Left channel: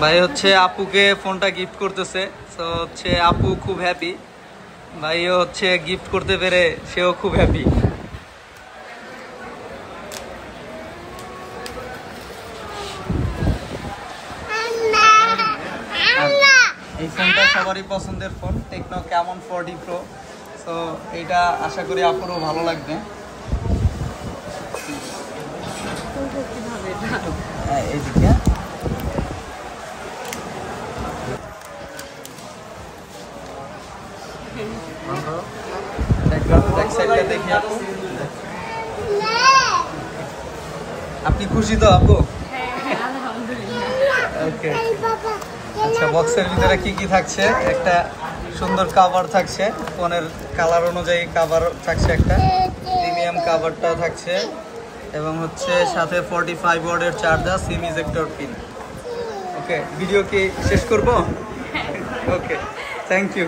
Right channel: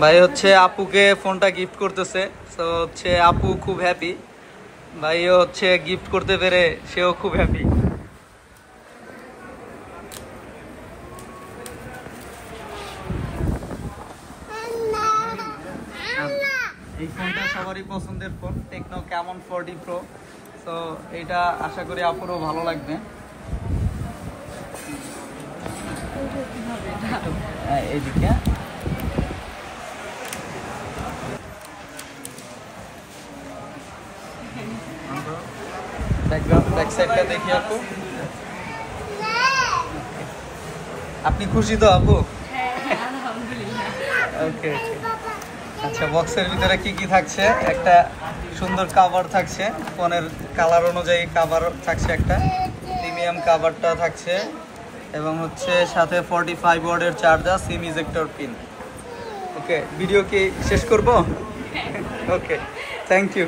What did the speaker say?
ভাই হচ্ছে আপুকে ফোনটা গিফট করতেছে, তো হচ্ছে আপু খুব হ্যাপি, ভাইও হচ্ছে গিফট করতে পেরে সেও খুব হ্যাপি। এই ফোনটা সবারই পছন্দের ফোন, টেকনো ক্যামন 40 প্রো। তো এইটা আশা করি আপুরও ভালো লাগবে। এইদিকে ব্যাক সাইডটা দেখি আপু। আপনি খুশি তো আপু? ওকে। আচ্ছা, বক্সের ভিতরে কি কি থাকছে? একটা সুন্দর কাভার থাকছে, ফোনের কালার অনুযায়ী কাভার থাকছে, একটা প্রিমিয়াম কাভারটা থাকছে, এবং হচ্ছে সাথে 45 ওয়াটের চার্জার, সিম ইজেক্টর পিন। ওকে, ভিডিও কি শেষ করব? ওকে, থ্যাংক ইউ।